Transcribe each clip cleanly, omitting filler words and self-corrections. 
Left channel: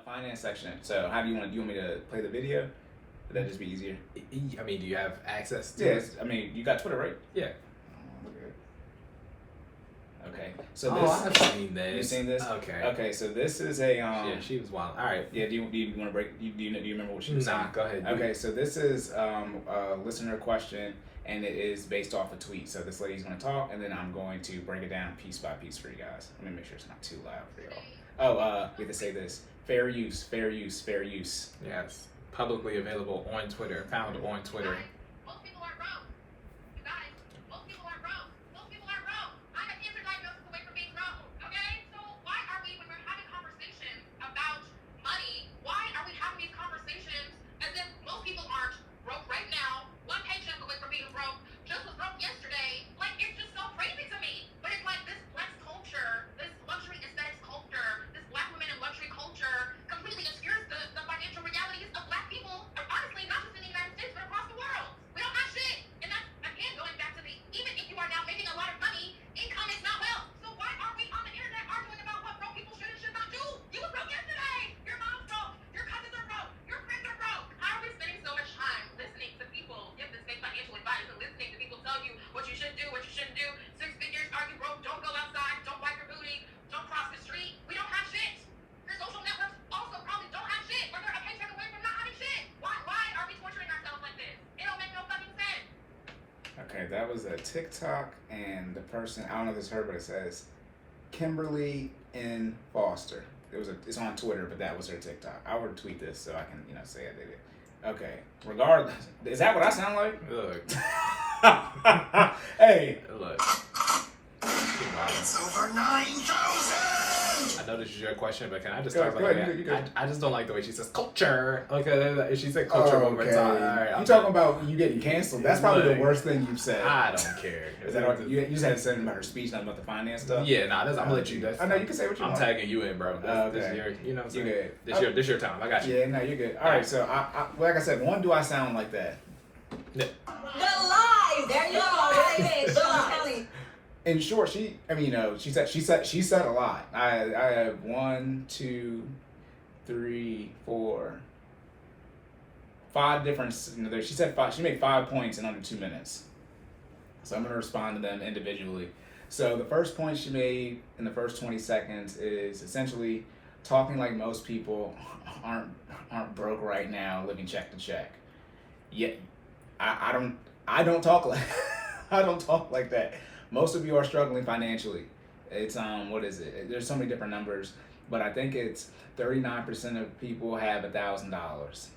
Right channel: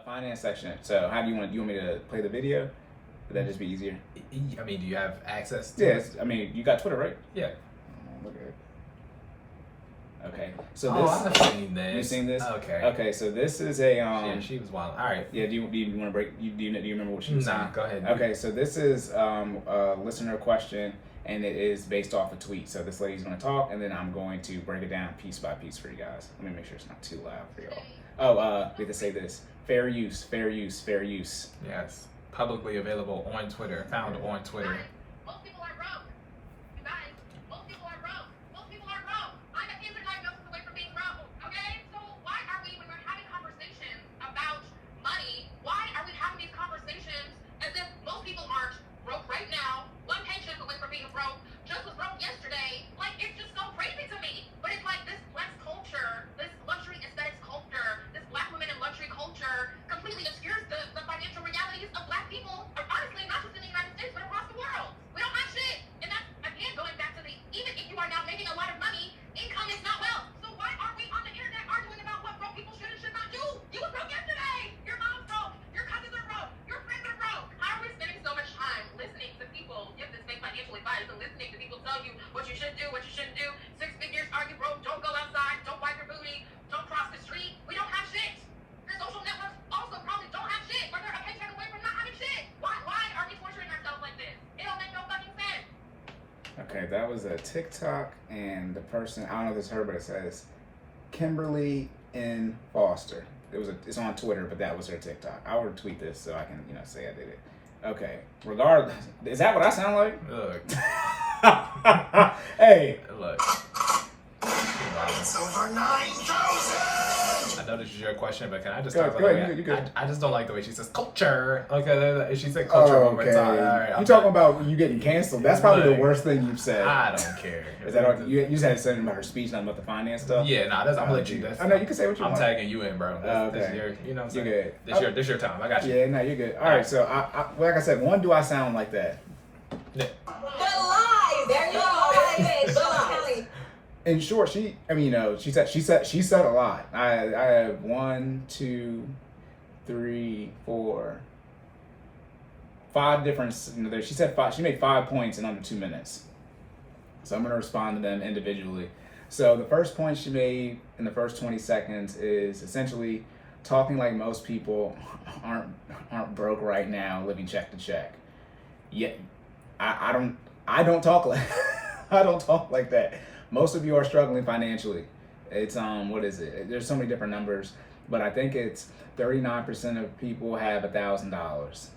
Finance section. So how do you want me to play the video? Would that just be easier? I mean, do you have access to Yes. it? I mean, you got Twitter, right? Yeah. Okay. So I've seen this. You've seen this? Okay. Okay. So this is a Yeah, she was wild. All right. Yeah. Do you want to break? Do you remember what she was saying? Nah. Go ahead. Okay. So this is a listener question, and it is based off a tweet. So this lady's going to talk, and then I'm going to break it down piece by piece for you guys. Let me make sure it's not too loud for y'all. Oh, we have to say this: fair use, fair use, fair use. Yes. Publicly available on Twitter. Found on Twitter. Most people are wrong. You guys, most people are wrong. Most people are wrong. I'm a cancer diagnosis away from being wrong. Okay? So why are we, when we're having conversations about money, why are we having these conversations as if most people aren't broke right now, one paycheck away from being broke, just was broke yesterday? Like, it's just so crazy to me. But it's like this flex culture, this luxury aesthetics culture, this black women in luxury culture completely obscures the financial realities of black people, honestly, not just in the United States, but across the world. We don't have shit. And that's, again, going back to even if you are now making a lot of money, income is not wealth. So why are we on the internet arguing about what broke people should and should not do? You were broke yesterday. Your mom's broke. Your cousins are broke. Your friends are broke. How are we spending so much time listening to people give this fake financial advice and listening to people tell you what you should do, what you shouldn't do? 6 figures, are you broke? Don't go outside. Don't wipe your booty. Don't cross the street. We don't have shit. Your social networks also probably don't have shit, or they're a paycheck away from not having shit. Why are we torturing ourselves like this? It don't make no fucking sense. Okay, that was a TikTok, and the person, I don't know if it's her, but it says Kimberly N. Foster. It's on Twitter, but that was her TikTok. I'll retweet this so I can, say I did it. Okay, regardless, is that what I sound like? Look. Hey. Look. It's over 9,000! I know this is your question, but can I just Go start by the way? ahead, you good. I just don't like the way she says culture. Okay, if she said culture one more Okay. time. All right, You I'm talking done. about you getting canceled? That's probably Look, the worst thing you've said. I don't care. Is that all, you just had to say something about her speech, nothing about the finance stuff? Yeah, nah, I'm gonna let you. I know you can say what you I'm want. tagging you in, bro. This Okay. your, you know what I'm You saying? good. This your time. I got you. Yeah, no, you're good. All right, so I like I said, one, do I sound like that? Yeah. Good lies. There you go. In short, she said a lot. I have 1, 2, 3, 4, 5 different. She said 5. She made 5 points in under 2 minutes. So I'm gonna respond to them individually. So the first point she made in the first 20 seconds is essentially talking like most people aren't broke right now, living check to check. Yet I don't talk like I don't talk like that. Most of you are struggling financially. It's what is it? There's so many different numbers, but I think it's 39% of people have $1,000.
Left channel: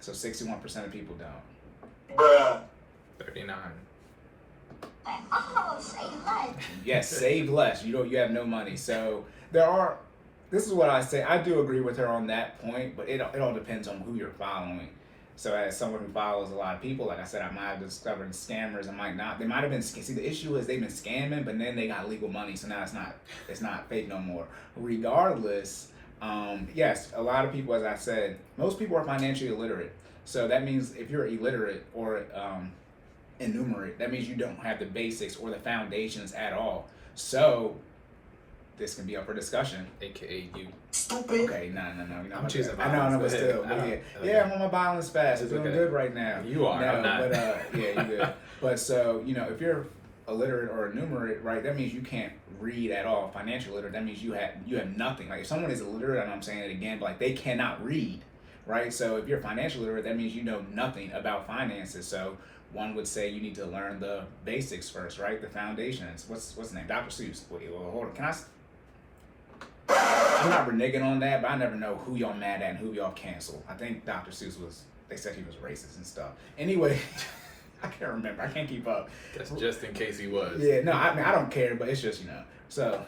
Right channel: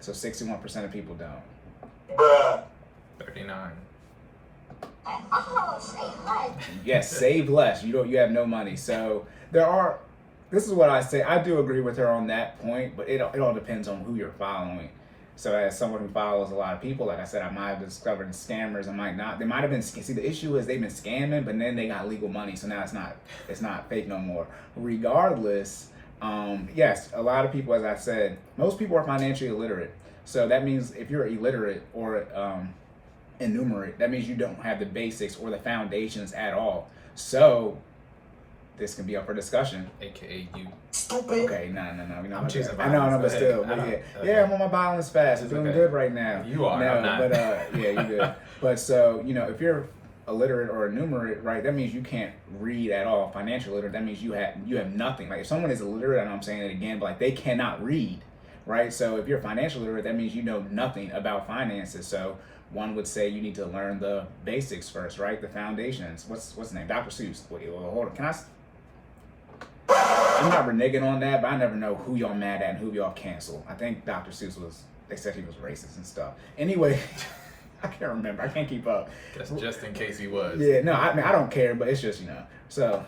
So 61% of people don't. Bruh. 39. Yes, save less. You have no money. So this is what I say. I do agree with her on that point, but it all depends on who you're following. So as someone who follows a lot of people, like I said, I might have discovered scammers. I might not. They might have been. See, the issue is they've been scamming, but then they got legal money, so now it's not fake no more. Regardless, yes, a lot of people, as I said, most people are financially illiterate. So that means if you're illiterate or innumerate, that means you don't have the basics or the foundations at all. So this can be up for discussion. AKA you. Stupid. Okay, no. I'm choosing I know, violence. but Go still, ahead. yeah, I'm on my violence fast. I'm It's doing okay. good right now. You are, I'm not. But yeah, you're good. But so if you're illiterate or innumerate, right, that means you can't read at all. Financial illiterate, that means you have nothing. Like if someone is illiterate, I know I'm saying it again, but like they cannot read, right? So if you're financial illiterate, that means you know nothing about finances. So one would say you need to learn the basics first, right? The foundations. What's his name? Dr. Seuss. Wait, hold on. I'm not reneging on that, but I never know who y'all mad at and who y'all cancel. I think Dr. Seuss they said he was racist and stuff. Anyway, I can't remember. I can't keep up. That's just in case he was. Yeah, no, I mean, I don't care, but it's just, so.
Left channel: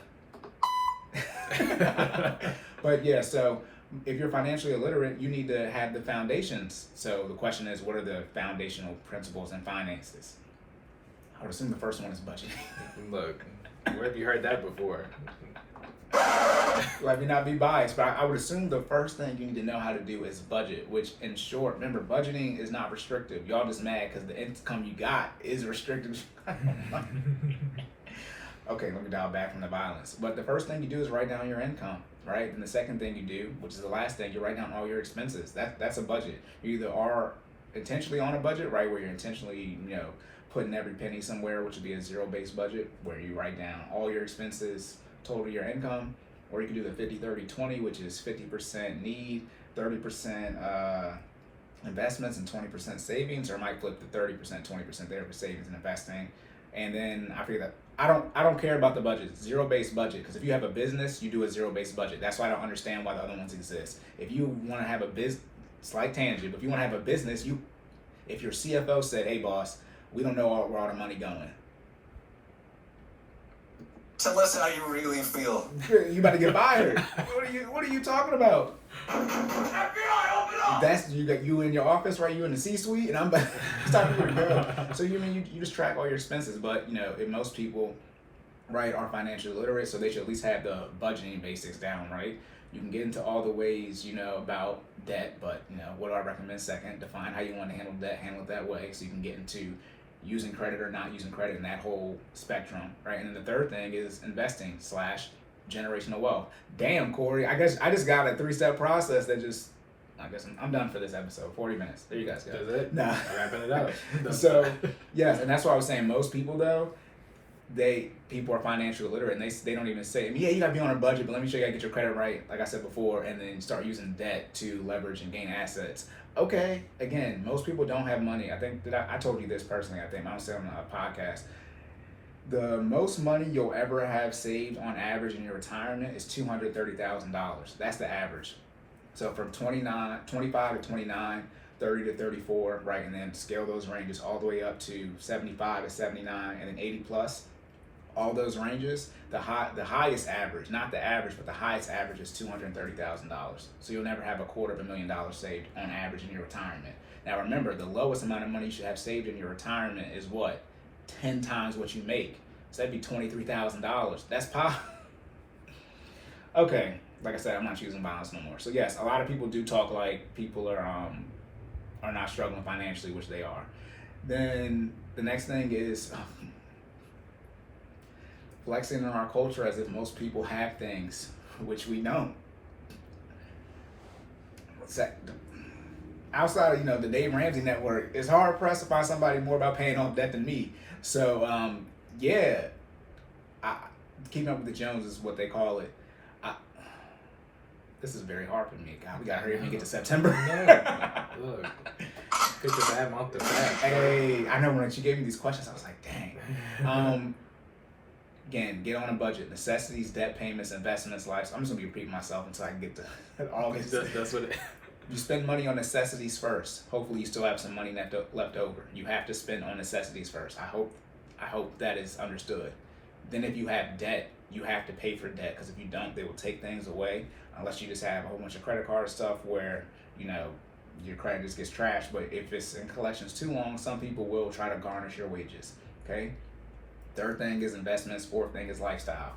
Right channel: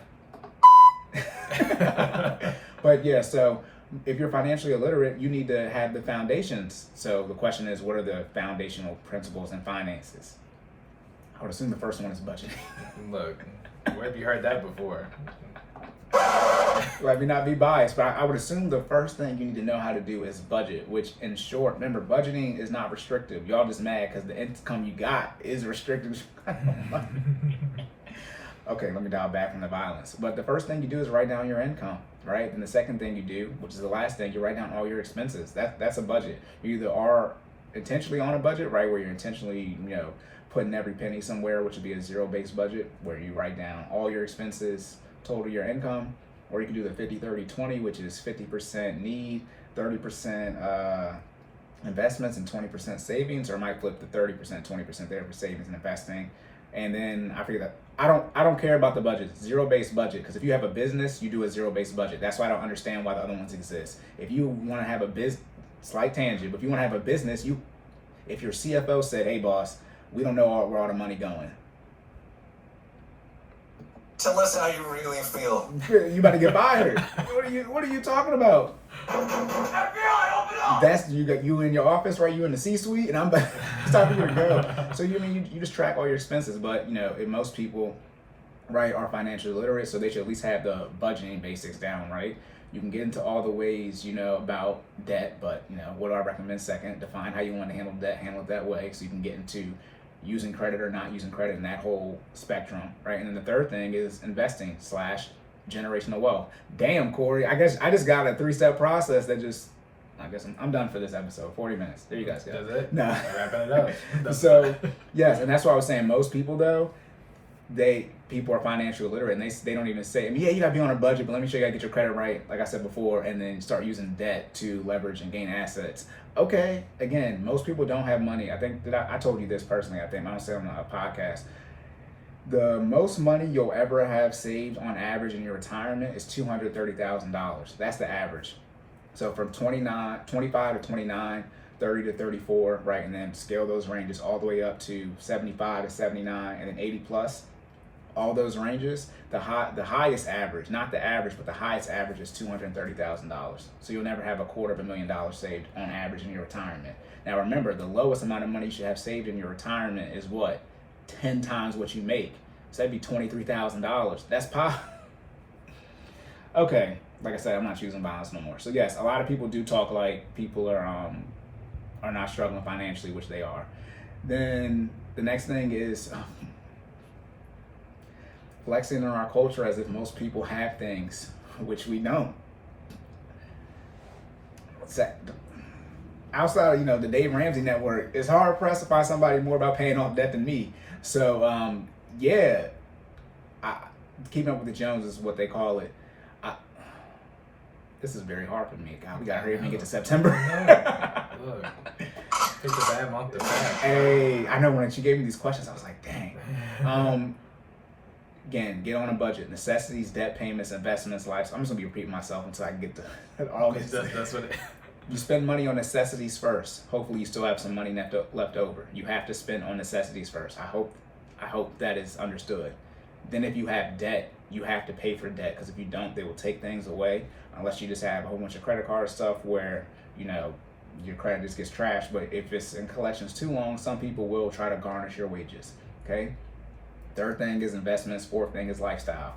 But yeah, so if you're financially illiterate, you need to have the foundations. So the question is, what are the foundational principles in finances? I would assume the first one is budgeting. Look, where have you heard that before? Let me not be biased, but I would assume the first thing you need to know how to do is budget, which in short, remember, budgeting is not restrictive. Y'all just mad because the income you got is restricted. okay, let me dial back from the violence. But the first thing you do is write down your income, right? And the second thing you do, which is the last thing, you write down all your expenses. That's a budget. You either are intentionally on a budget, right, where you're intentionally, putting every penny somewhere, which would be a zero-based budget, where you write down all your expenses, total your income, or you can do the 50-30-20, which is 50% need, 30% investments, and 20% savings, or I might flip the 30%, 20% there for savings and investing. And then I figure that I don't care about the budget, zero-based budget, because if you have a business, you do a zero-based budget. That's why I don't understand why the other ones exist. If you want to have a business, slight tangent, but if you want to have a business, if your CFO said, hey boss, we don't know where all the money going. Tell us how you really feel. You about to get fired. What are you talking about? FBI, open up! That's you in your office, right? You in the C-suite, and I'm talking to your girl. So you just track all your expenses, but if most people, right, are financially literate, so they should at least have the budgeting basics down, right? You can get into all the ways, about debt, but what do I recommend second? Define how you want to handle debt, handle it that way, so you can get into using credit or not using credit in that whole spectrum, right? And then the third thing is investing / generational wealth. Damn, Cory, I guess I just got a 3-step process that I guess I'm done for this episode. 40 minutes. There you guys go. Does it? Nah. Wrapping it up. So, yes, and that's why I was saying most people, though, people are financially illiterate, and they don't even say, yeah, you gotta be on a budget, but let me show you how to get your credit right, like I said before, and then start using debt to leverage and gain assets. Okay, again, most people don't have money. I think that I told you this personally, I don't say on a podcast. The most money you'll ever have saved on average in your retirement is $230,000. That's the average. So from 25 to 29, 30 to 34, right, and then scale those ranges all the way up to 75 to 79, and then 80 plus. All those ranges, the highest average, not the average, but the highest average is $230,000. So you'll never have $250,000 saved on average in your retirement. Now remember, the lowest amount of money you should have saved in your retirement is what? 10 times what you make. So that'd be $23,000. That's okay. Like I said, I'm not choosing violence no more. So yes, a lot of people do talk like people are not struggling financially, which they are. Then the next thing is flexing in our culture as if most people have things, which we don't. Outside of the Dave Ramsey network, it's hard pressed to find somebody more about paying off debt than me. So keeping up with the Jones is what they call it. This is very hard for me. God, we gotta hurry up and get to September. No. Look, picked a bad month to fast. Hey, I know when she gave me these questions, I was like, dang. Again, get on a budget. Necessities, debt payments, investments, life. I'm just gonna be repeating myself until I get to August. That's what it. You spend money on necessities first. Hopefully, you still have some money left over. You have to spend on necessities first. I hope that is understood. Then, if you have debt, you have to pay for debt, because if you don't, they will take things away. Unless you just have a whole bunch of credit card stuff where your credit just gets trashed. But if it's in collections too long, some people will try to garnish your wages. Okay. Third thing is investments. Fourth thing is lifestyle.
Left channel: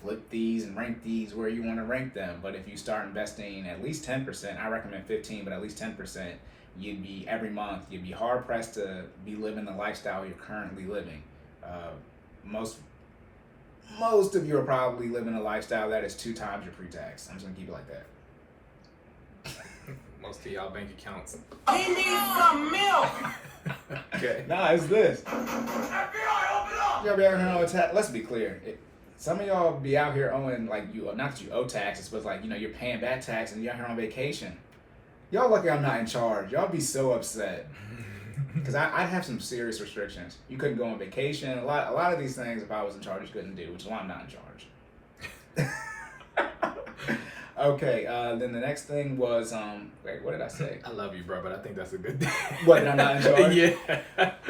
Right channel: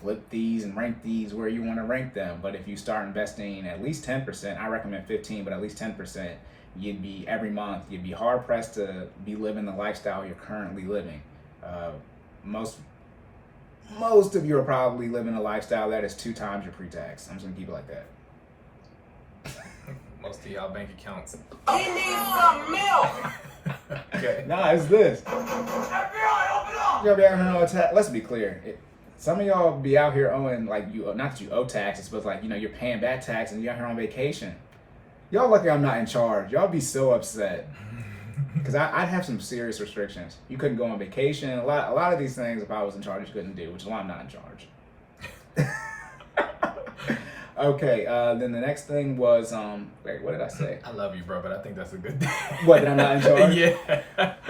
Flip these and rank these where you want to rank them. But if you start investing at least 10%, I recommend 15, but at least 10%, every month, you'd be hard pressed to be living the lifestyle you're currently living. Most of you are probably living a lifestyle that is 2 times your pre-tax. I'm just gonna keep it like that. Most of y'all bank accounts. He needs some milk! Okay. Nah, it's this. FBI, open up! Y'all be out here owing tax. Let's be clear. Some of y'all be out here owing, not that you owe taxes, but you're paying bad tax and you're out here on vacation. Y'all lucky I'm not in charge. Y'all be so upset. Because I'd have some serious restrictions. You couldn't go on vacation. A lot of these things, if I was in charge, you couldn't do, which is why I'm not in charge. Okay, then the next thing was, wait, what did I say? I love you, bro, but I think that's a good thing. What, that I'm not in charge? Yeah.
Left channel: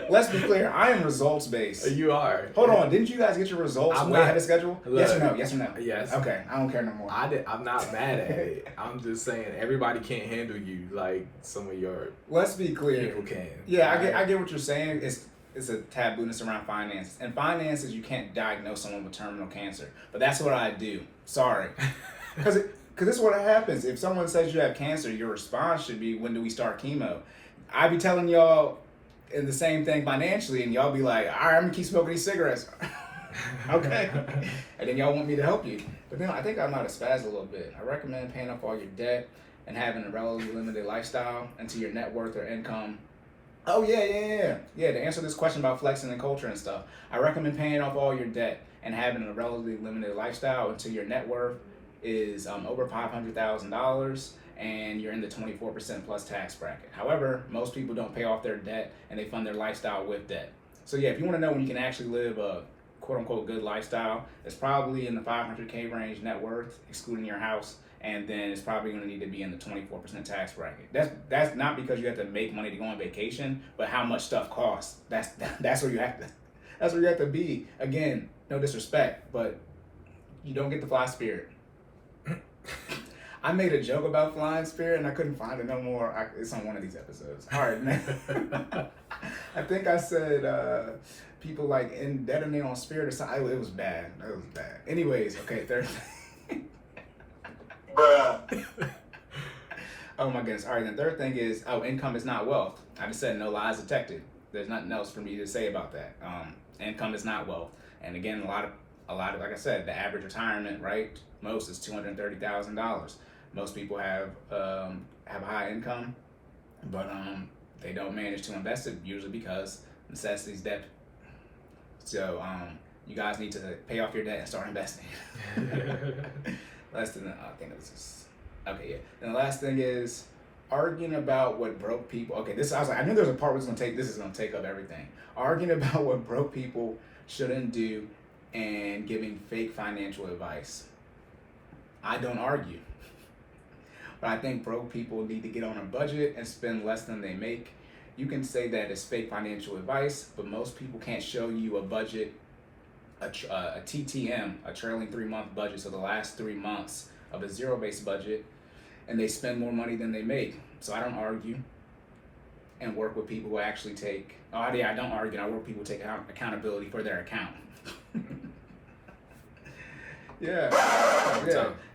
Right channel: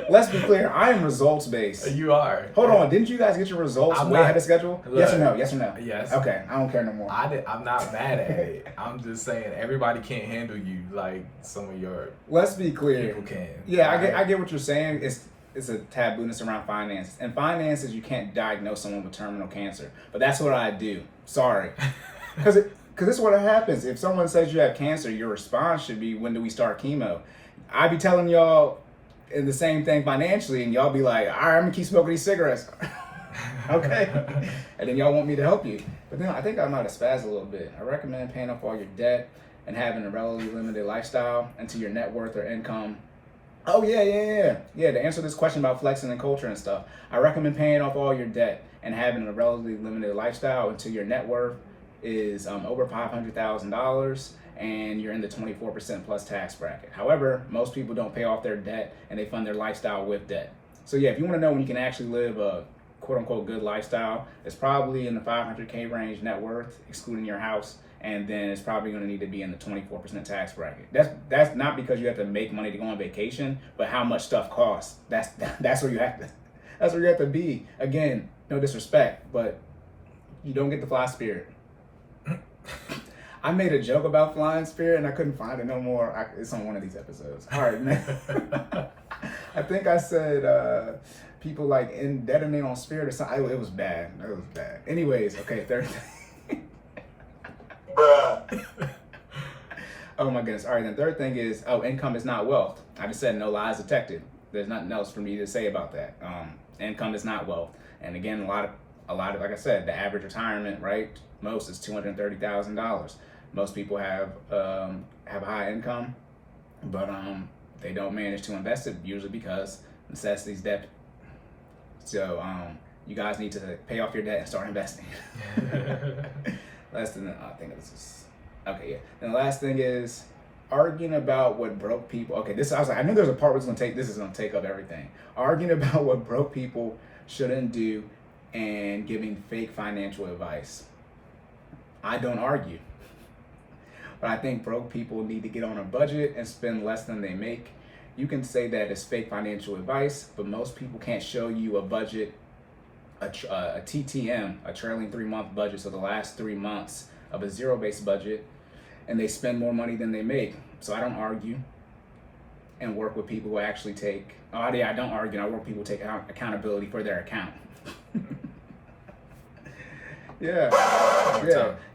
Let's be clear, I am results-based. You are. Hold on, didn't you guys get your results I'm way not- ahead of schedule? Look, Yes or no? Yes or no? Yes. Okay, I don't care no more. I'm not mad at it. I'm just saying everybody can't handle you like some of your Let's be clear. people can. Yeah, Right? I get what you're saying. It's a tabooness around finances. And finances, you can't diagnose someone with terminal cancer. But that's what I do. Sorry. Because this is what happens. If someone says you have cancer, your response should be, when do we start chemo? I be telling y'all the same thing financially, and y'all be like, all right, I'm going to keep smoking these cigarettes. Okay. And then y'all want me to help you. But then I think I might have spazzed a little bit. I recommend paying off all your debt and having a relatively limited lifestyle until your net worth or income. Oh, yeah. To answer this question about flexing and culture and stuff, I recommend paying off all your debt and having a relatively limited lifestyle until your net worth is over $500,000 and you're in the 24% plus tax bracket. However, most people don't pay off their debt and they fund their lifestyle with debt. So yeah, if you want to know when you can actually live a quote unquote good lifestyle, it's probably in the 500K range net worth, excluding your house, and then it's probably going to need to be in the 24% tax bracket. That's not because you have to make money to go on vacation, but how much stuff costs. That's where you have to. That's where you have to be. Again, no disrespect, but you don't get to fly Spirit. I made a joke about flying Spirit and I couldn't find it no more. It's on one of these episodes. All right, man. I think I said people like indebted on Spirit or something. It was bad. Anyways, okay, third thing. Oh my goodness. All right, then third thing is, income is not wealth. I just said no lies detected. There's nothing else for me to say about that. Income is not wealth. And again, a lot of, like I said, the average retirement, right? Most is $230,000. Most people have high income, but they don't manage to invest it, usually because necessities debt. So you guys need to pay off your debt and start investing. Last thing, I think this is okay. Yeah. And the last thing is arguing about what broke people. Okay, I was like, I knew there was a part where it's gonna take. This is gonna take up everything. Arguing about what broke people shouldn't do and giving fake financial advice. I don't argue. But I think broke people need to get on a budget and spend less than they make. You can say that it's fake financial advice, but most people can't show you a budget, a TTM, a trailing 3-month budget, so the last 3 months of a zero-based budget, and they spend more money than they make. So I don't argue and work with people who actually take, I don't argue, I work with people who take accountability for their account. Yeah,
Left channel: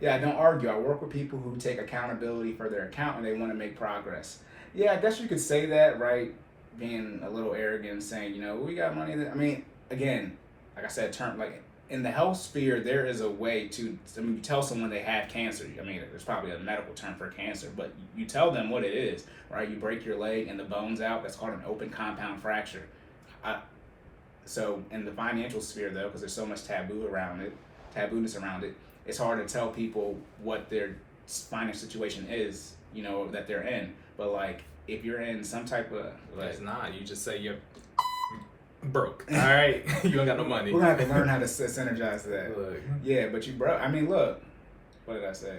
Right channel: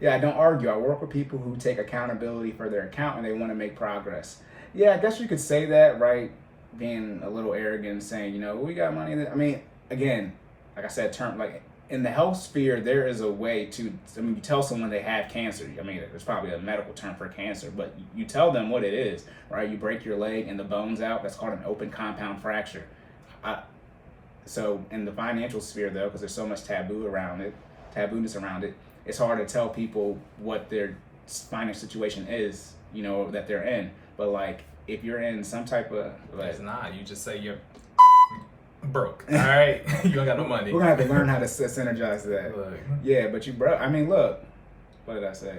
I don't argue. I work with people who take accountability for their account and they want to make progress. Yeah, I guess you could say that, right? Being a little arrogant, saying, we got money. I mean, again, like I said, like in the health sphere, there is a way to, you tell someone they have cancer. I mean, there's probably a medical term for cancer, but you tell them what it is, right? You break your leg and the bone's out. That's called an open compound fracture. So in the financial sphere, though, because there's so much tabooness around it, it's hard to tell people what their financial situation is, that they're in. But like, if you're in some type of, it's not. You just say you're broke. All right, you don't got no money. We're gonna have to learn how to synergize that. Look. Yeah, but you broke. I mean, look. What did I say?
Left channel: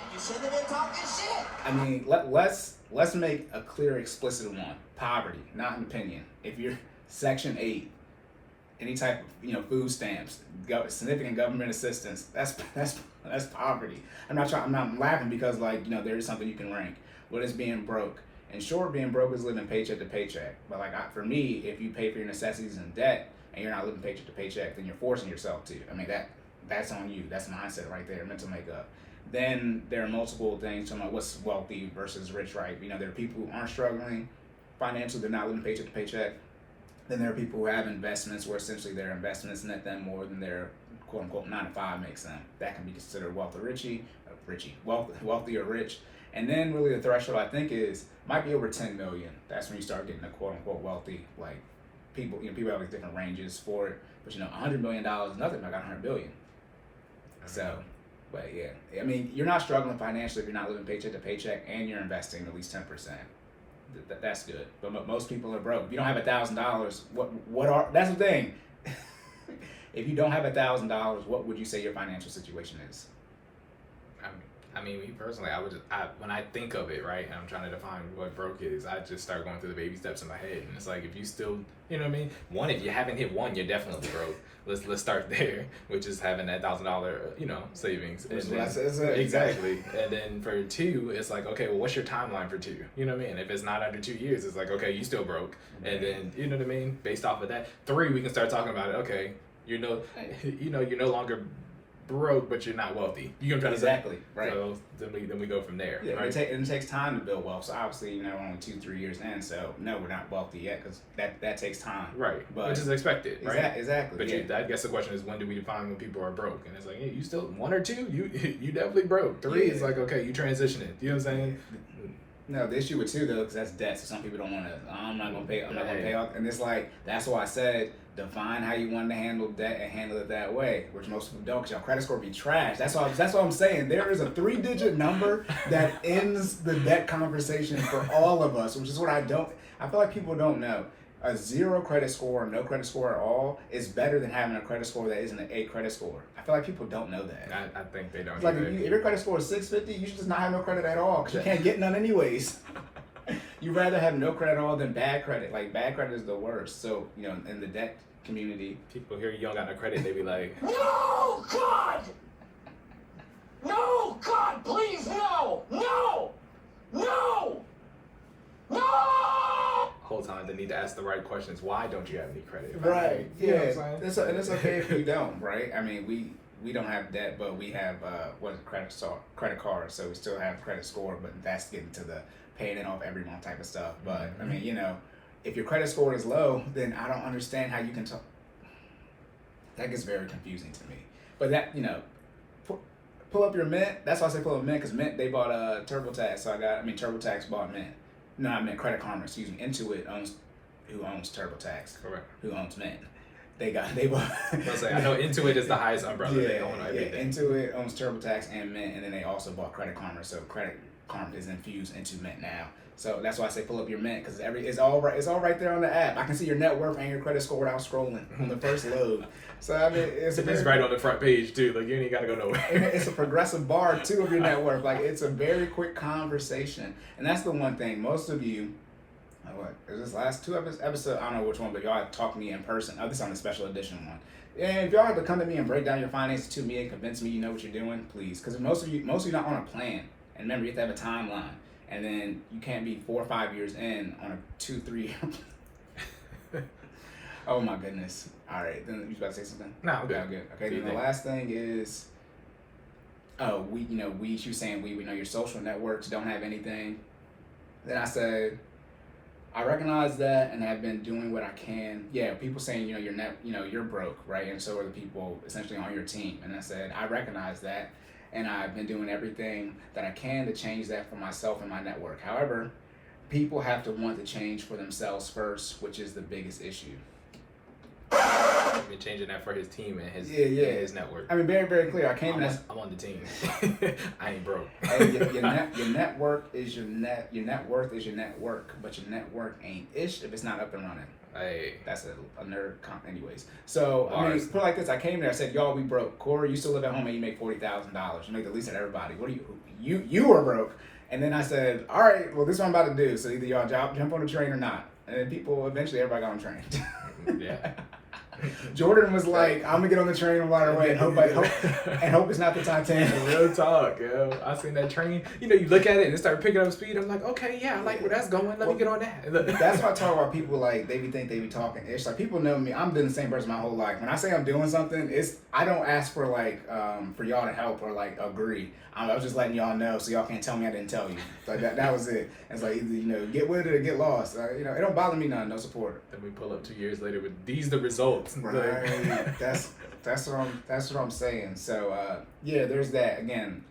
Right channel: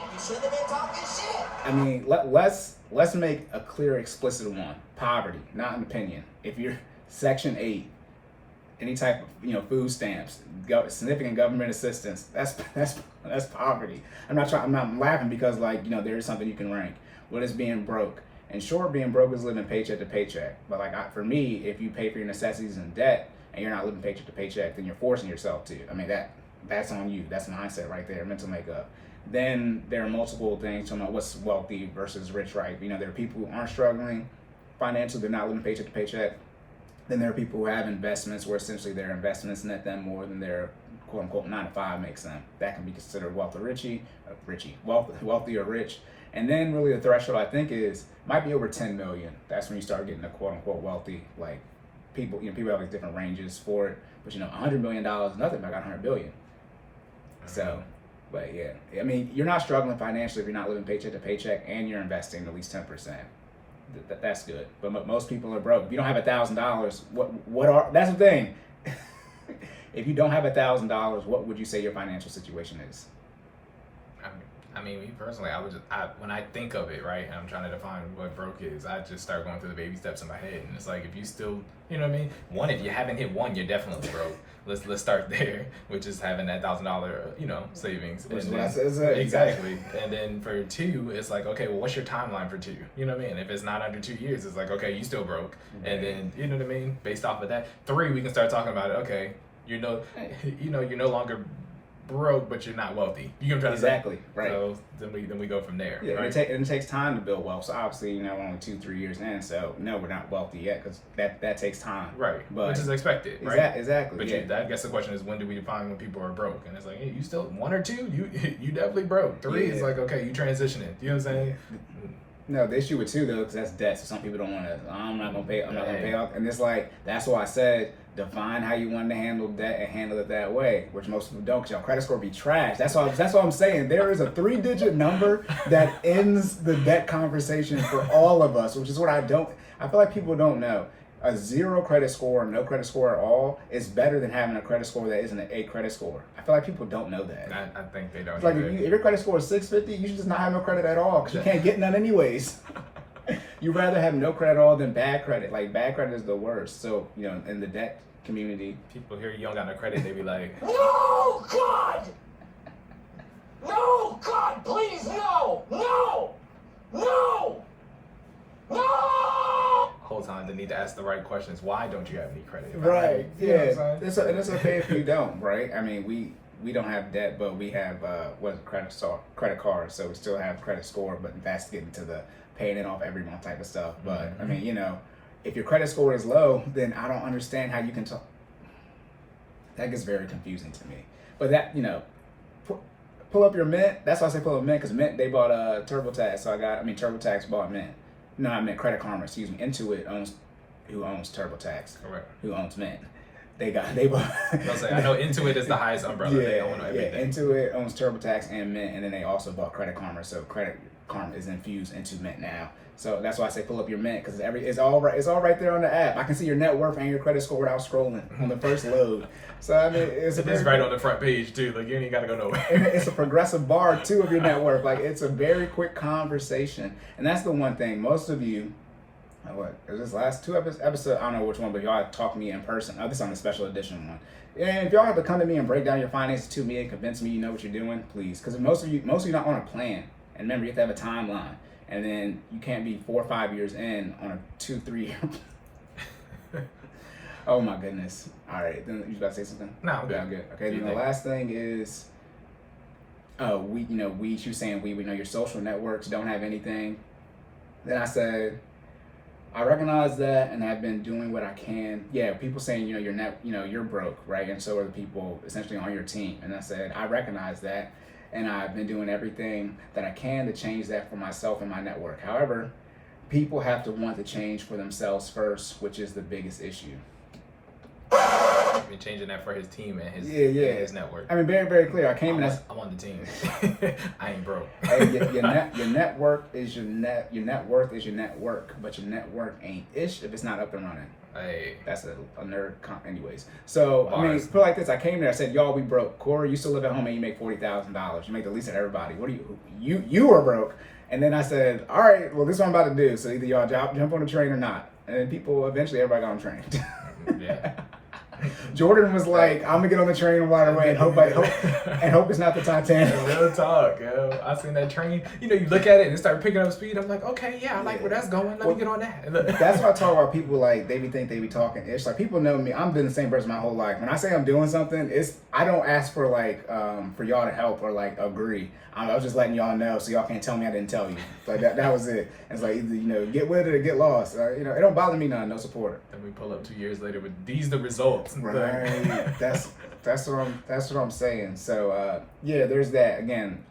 You should have been talking shit. I mean, let's make a clear, explicit one. Poverty, not an opinion. If you're Section 8, any type of food stamps, significant government assistance, that's poverty. I'm not laughing because there is something you can rank. What is being broke? And sure, being broke is living paycheck to paycheck. But for me, if you pay for your necessities in debt and you're not living paycheck to paycheck, then you're forcing yourself to. I mean that's on you. That's mindset right there, mental makeup. Then there are multiple things talking about what's wealthy versus rich, right? There are people who aren't struggling financially, they're not living paycheck to paycheck. Then there are people who have investments where essentially their investments net them more than their quote unquote 9 to 5 makes them. That can be considered wealthy or rich. And then really the threshold I think might be over 10 million. That's when you start getting the quote unquote wealthy, like people, people have different ranges for it. But $100 million is nothing, but I got 100 billion. So, but yeah, I mean, you're not struggling financially if you're not living paycheck to paycheck and you're investing at least 10%. That's good. But most people are broke. If you don't have $1,000, what are, that's the thing. If you don't have $1,000, what would you say your financial situation is? I mean, me personally, when I think of it, right, and I'm trying to define what broke is, I just start going through the baby steps in my head, and it's like if you still, one, if you haven't hit one, you're definitely broke. Let's start there, which is having that $1,000, savings. And then, exactly. And then for 2, it's like, okay, well, what's your timeline for 2? You know what I mean? If it's not under 2 years, it's like, okay, you still broke. And then, you know what I mean? Based off of that, 3, we can start talking about it. Okay, you're no longer broke, but you're not wealthy. You know what I'm trying Exactly, to say? right. So then we go from there. Yeah, right? and it takes time to build wealth. So obviously, we're only 2-3 years in. So no, we're not wealthy yet because that takes time. Right, But which is expected, right? Exactly. But I guess the question is, when do we define when people are broke? And it's like, hey, you still 1 or 2, you definitely broke. 3 is like, okay, you transitioning. You know what I'm saying? No, the issue with 2 though, because that's debt. So some people don't want to. I'm not gonna pay. I'm not gonna pay off. And it's like that's why I said define how you want to handle debt and handle it that way, which most people don't, because your credit score be trash. That's what I'm saying. There is a 3-digit number that ends the debt conversation for all of us, which is what I feel like people don't know. A 0 credit score, no credit score at all, is better than having a credit score that isn't an 8 credit score. I feel like people don't know that. I think they don't. It's like either. if your credit score is 650, you should just not have no credit at all because you can't get none anyways. You'd rather have no credit at all than bad credit. Like bad credit is the worst. So in the debt community, People hear you don't got no credit, they be like, No, God! No, God, please, no! No! No! No! whole time they need to ask the right questions. Why don't you have any credit? right? Like, you know what I'm Yeah, saying? it's okay if you don't, right? I mean, we don't have debt, but we have credit card, so we still have credit score, but that's getting to the paying it off every month type of stuff. But I mean, if your credit score is low, then I don't understand how you can talk. That gets very confusing to me. But that, pull up your Mint. That's why I say pull up Mint, because Mint, they bought TurboTax. So TurboTax bought Mint. No, I meant Credit Karma, excuse me. Intuit who owns TurboTax. Correct. Who owns Mint. They bought. I know Intuit is the highest umbrella. They own everything. Yeah, Intuit owns TurboTax and Mint, and then they also bought Credit Karma. So Credit Karma is infused into Mint now. So that's why I say pull up your Mint, because it's all right there on the app. I can see your net worth and your credit score without scrolling on the first load. So I mean, It is right on the front page too. Like you ain't gotta go nowhere. And it's a progressive bar too of your net worth. Like it's a very quick conversation, and that's the one thing most of you. It was this last 2 episodes. I don't know which one, but y'all talk to me in person. This is on the special edition one. And if y'all have to come to me and break down your finances to me and convince me you know what you're doing, please, because most of you not on a plan. And remember, you have to have a timeline. And then you can't be 4 or 5 years in on a 2-3 year. Oh my goodness! All right, then you about to say something? No, I'm good. I'm good. Okay, then the last thing is, she was saying we know your social networks don't have anything. Then I said, I recognize that, and I've been doing what I can. Yeah, people saying you're broke, right? And so are the people essentially on your team. And I said, I recognize that. And I've been doing everything that I can to change that for myself and my network. However, people have to want to change for themselves first, which is the biggest issue. I've been changing that for his team and his and his network. I mean, very, very clear. I'm on the team. I ain't broke. Hey, your network is your net. Your net worth is your network, but your network ain't ish if it's not up and running. Hey, that's a nerd anyways. So Bars. I mean, put it like this: I came here, I said, "Y'all, we broke. Cory, you still live at home and you make $40,000. You make the least of everybody. What are you are broke." And then I said, "All right, well, this is what I'm about to do. So either y'all jump on the train or not." And then eventually everybody got on the train. Yeah. Jordan was like, "I'm gonna get on the train right away and hope it's not the Titanic." Real talk, yo. I seen that train. You look at it and it started picking up speed. I'm like, okay, yeah, I like where that's going. Let me get on that. That's why I talk about people like they be talking. It's like people know me. I'm doing the same person my whole life. When I say I'm doing something, I don't ask for for y'all to help or agree. I was just letting y'all know so y'all can't tell me I didn't tell you. Like that was it. It's like either get with it or get lost. It don't bother me none. No support. Then we pull up 2 years later with these the results. Right. that's what I'm saying. So there's that. Again,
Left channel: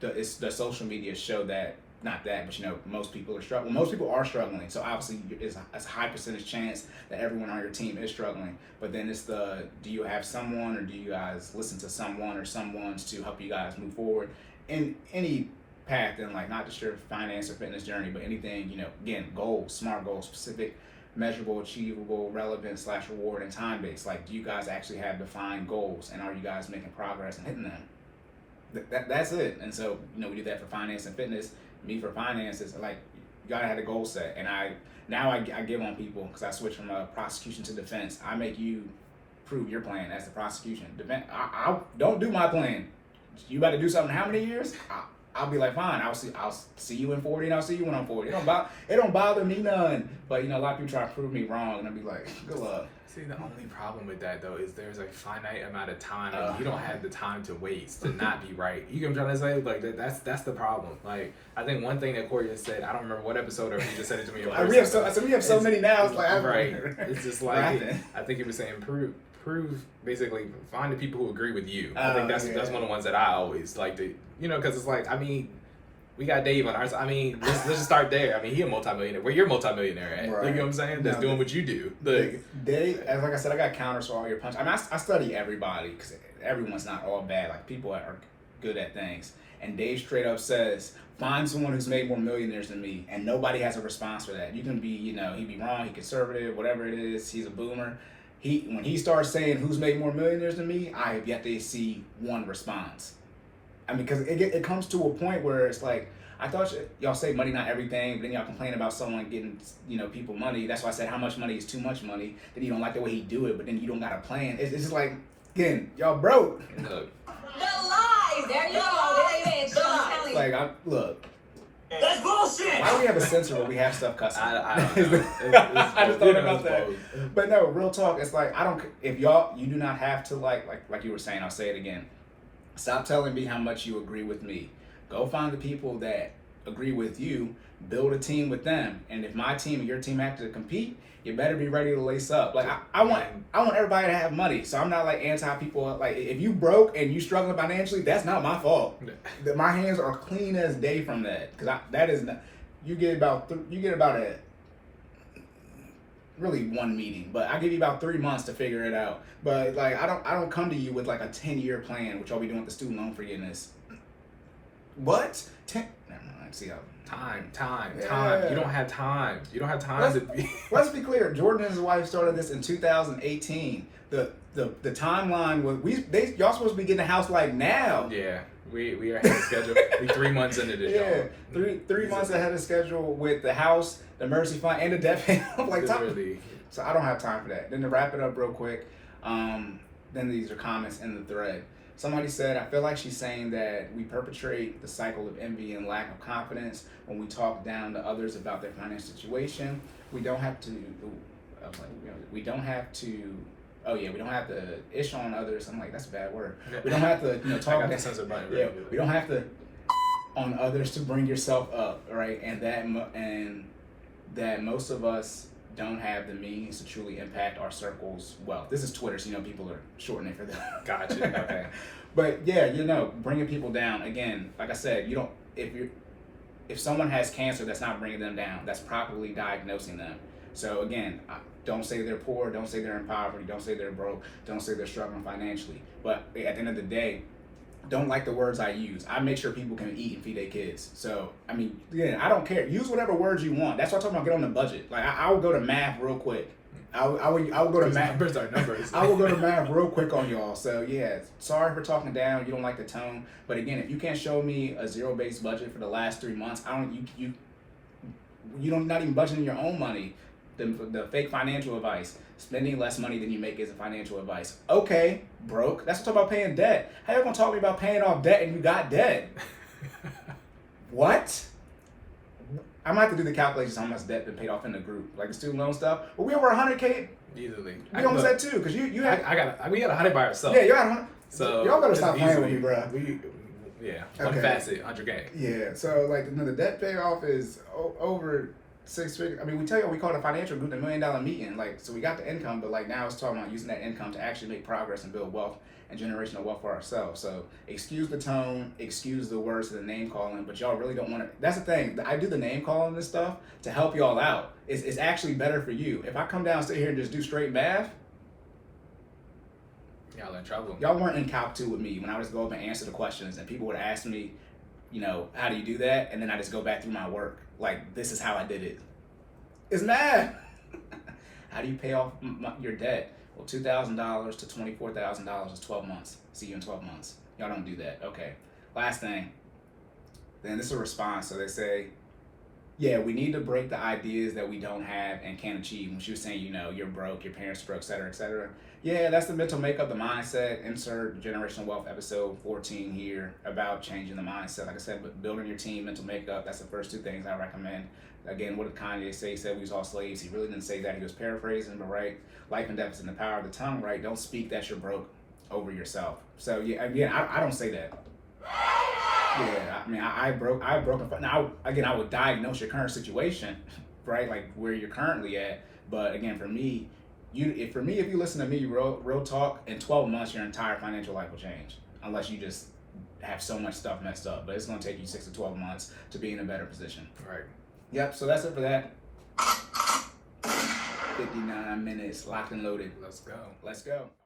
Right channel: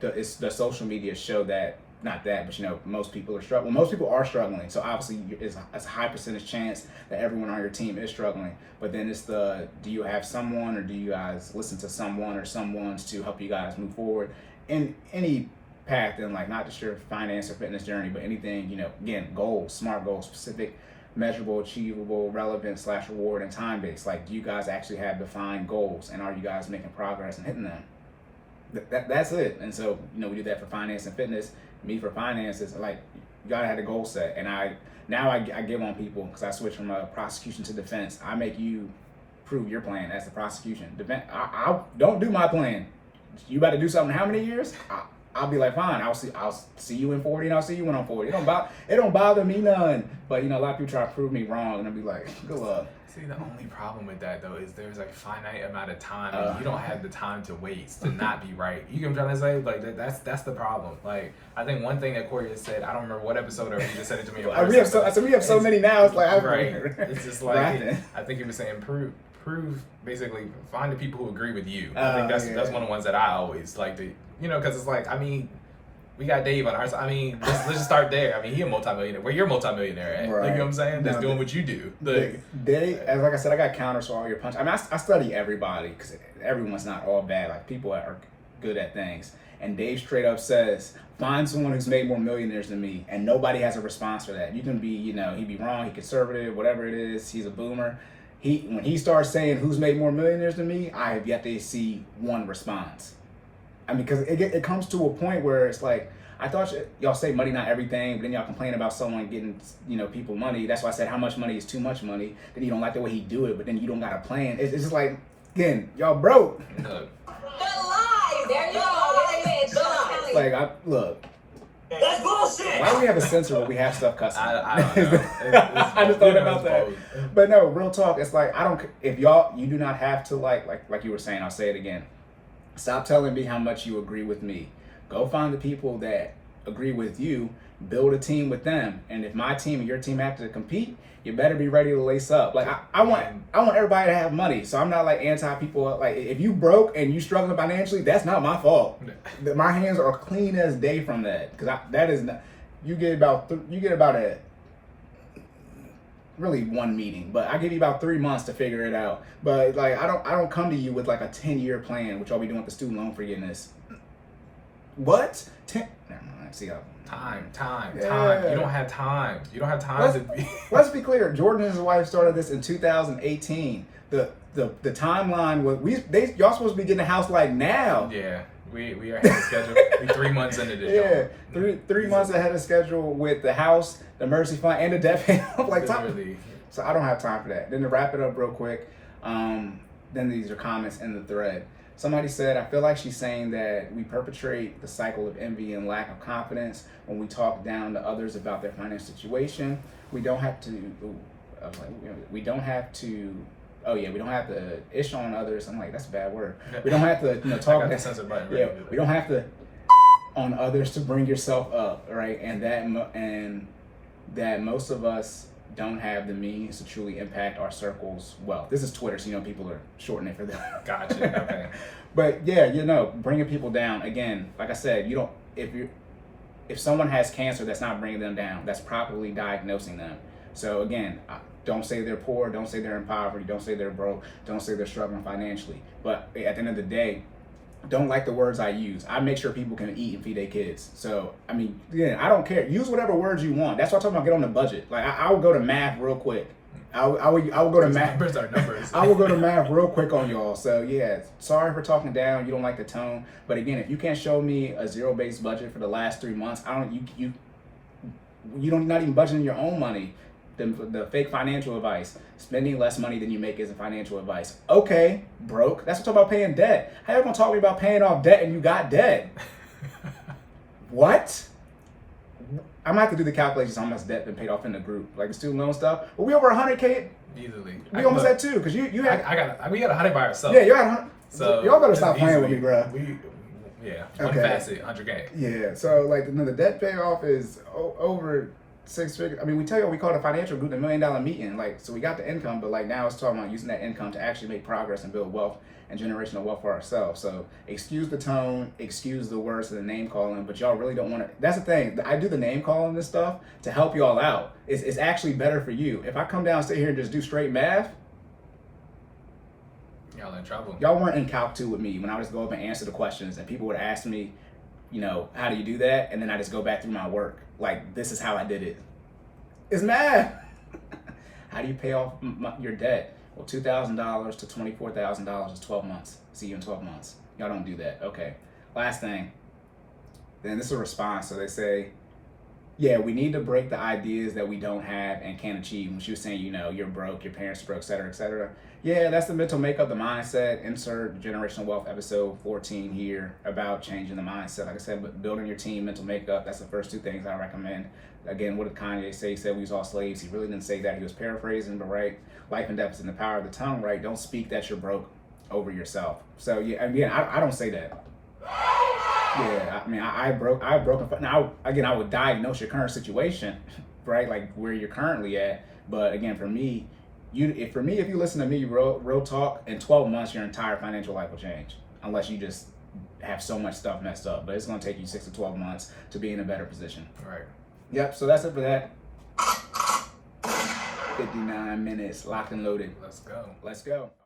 the social media show that. Not that, but most people are struggling. Most people are struggling, so obviously it's a high percentage chance that everyone on your team is struggling. But then it's do you have someone, or do you guys listen to someone or someone's to help you guys move forward in any path, and not just your finance or fitness journey, but anything. Again, goals, smart goals, specific, measurable, achievable, relevant / reward, and time based. Do you guys actually have defined goals, and are you guys making progress and hitting them? That's it. And so we do that for finance and fitness. Me for finances, you gotta have a goal set, and I give on people because I switch from prosecution to defense. I make you prove your plan as the prosecution. I don't do my plan. You got to do something. How many years? I'll be like, fine, I'll see you in 40 and I'll see you when I'm 40. It don't bother me none. But a lot of people try to prove me wrong, and I'll be like, good luck. See, the only problem with that though is there's like finite amount of time, and you don't have the time to waste to not be right. You get what I'm trying to say? Like that's the problem. Like I think one thing that Cory just said, I don't remember what episode, or he just said it to me in person. we have so many now. It's like right. It's just like I think he was saying prove basically find the people who agree with you. I think that's one of the ones that I always like to because it's like we got Dave on ours. Let's just start there. He a multimillionaire. Where you're a multimillionaire at? Right. Like, you know what I'm saying? That's doing what you do. Like I said, I got counters for all your punches. I study everybody because everyone's not all bad. Like people are good at things. And Dave straight up says, find someone who's made more millionaires than me, and nobody has a response for that. You can be, he'd be wrong, he conservative, whatever it is. He's a boomer. When he starts saying who's made more millionaires than me, I have yet to see one response. Because it comes to a point where it's like, I thought y'all say money not everything, but then y'all complain about someone getting, people money. That's why I said how much money is too much money. Then you don't like the way he do it, but then you don't got a plan. It's just like, again, y'all broke. Look. Good lies. There you go. Like, look. That's bullshit. Why do we have a censor where we have stuff cussing? I don't know. I just thought about that. But no, real talk. It's like if you do not have to like you were saying. I'll say it again. Stop telling me how much you agree with me. Go find the people that agree with you. Build a team with them. And if my team and your team have to compete, you better be ready to lace up. Like I want everybody to have money. So I'm not like anti people. Like if you broke and you struggling financially, that's not my fault. My hands are clean as day from that. Because that is not. You get about a really one meeting, but I give you about 3 months to figure it out. But like I don't come to you with like a 10-year plan, which I'll be doing with the student loan forgiveness. What? 10? Never mind. See how. Time. Yeah. You don't have time. You don't have time to be. Let's be clear. Jordan and his wife started this in 2018. The timeline was y'all supposed to be getting a house like now. Yeah, we are ahead of schedule. We 3 months into this. Yeah, three months ahead of schedule with the house, the mercy fund, and the debt payment. Like so I don't have time for that. Then to wrap it up real quick, then these are comments in the thread. Somebody said, I feel like she's saying that we perpetrate the cycle of envy and lack of confidence when we talk down to others about their financial situation. We don't have to ish on others. I'm like, that's a bad word. We don't have to talk. I got the censor button. Yeah, we don't have to on others to bring yourself up, right? And that most of us don't have the means to truly impact our circles well. This is Twitter, so people are shortening it for that. Gotcha. Okay. But yeah, bringing people down again. Like I said, if someone has cancer, that's not bringing them down. That's properly diagnosing them. So again, don't say they're poor. Don't say they're in poverty. Don't say they're broke. Don't say they're struggling financially. But at the end of the day, don't like the words I use. I make sure people can eat and feed their kids. So, again, I don't care. Use whatever words you want. That's what I'm talking about. Get on the budget. Like, I would go to math real quick. I would go to math. Numbers are numbers. I will go to math real quick on y'all. So, yeah, sorry for talking down. You don't like the tone. But again, if you can't show me a zero-based budget for the last 3 months, you don't not even budgeting your own money. The fake financial advice. Spending less money than you make isn't financial advice. Okay, broke. That's what I'm talking about paying debt. How you gonna talk to me about paying off debt and you got debt? What? I'm gonna have to do the calculations on how much debt been paid off in the group, like the student loan stuff. But we over 100K. Easily. We almost at 2 because you had. We got 100 by ourselves. Yeah, you got 100. So y'all better stop playing with me, bro. One facet, 100K. Yeah, so like the debt payoff is over 6 figures. We tell you we call it a financial group, $1 million meeting. Like, so we got the income, but like now it's talking about using that income to actually make progress and build wealth and generational wealth for ourselves. So excuse the tone, excuse the words of the name calling, but y'all really don't want to. That's the thing. I do the name calling this stuff to help y'all out. It's actually better for you. If I come down, sit here, and just do straight math, y'all in trouble. Y'all weren't in Calc 2 with me when I would just go up and answer the questions, and people would ask me, how do you do that? And then I just go back through my work. Like, this is how I did it. It's math. How do you pay off your debt? Well, $2,000 to $24,000 is 12 months. See you in 12 months. Y'all don't do that. Okay. Last thing. Then this is a response. So they say, yeah, we need to break the ideas that we don't have and can't achieve. When she was saying, you're broke, your parents are broke, et cetera, et cetera. Yeah, that's the mental makeup, the mindset. Insert generational wealth episode 14 here about changing the mindset. Like I said, but building your team, mental makeup. That's the first two things I recommend. Again, what did Kanye say? He said we was all slaves. He really didn't say that. He was paraphrasing, but right, life and death is in the power of the tongue. Right, don't speak that you're broke over yourself. So yeah, again, I don't say that. Yeah, I mean, I broke. Now, again, I would diagnose your current situation, right? Like where you're currently at. But again, for me, if you listen to me, real talk, in 12 months, your entire financial life will change, unless you just have so much stuff messed up. But it's gonna take you 6 to 12 months to be in a better position. Right. Yep. So that's it for that. 59 minutes, locked and loaded. Let's go. Let's go.